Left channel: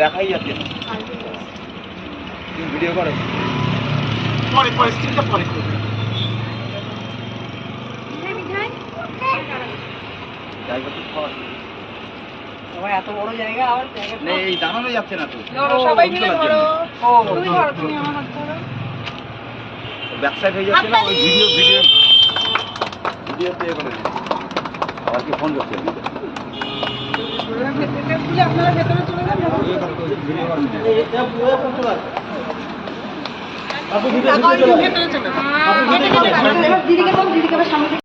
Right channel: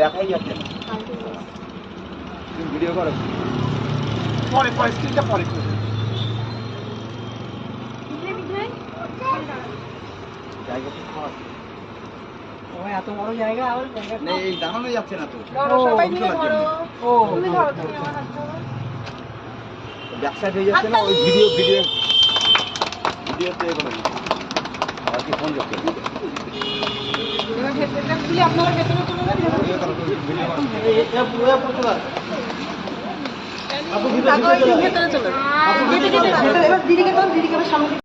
দেখাই যাচ্ছে ভিডিও করো পরে পরে স্ক্রিনটা পরে জায়গা তো খাওয়া সবাই এত বড় জায়গা আর নেই এই দাঁড়ানো যাচ্ছে না তো সবাই মিলে ধরো তুমি ধরো তুমি আমার হাত ধরো ব্যাকসাইড হয়ে যাচ্ছে না ওই ভিডিও প্লে করে আর কি ফোন করতে ভেতরে খুলে আপনারা ভেতরে চলে যান আপনি ভিতরে চলে যান দিদিকে সামনে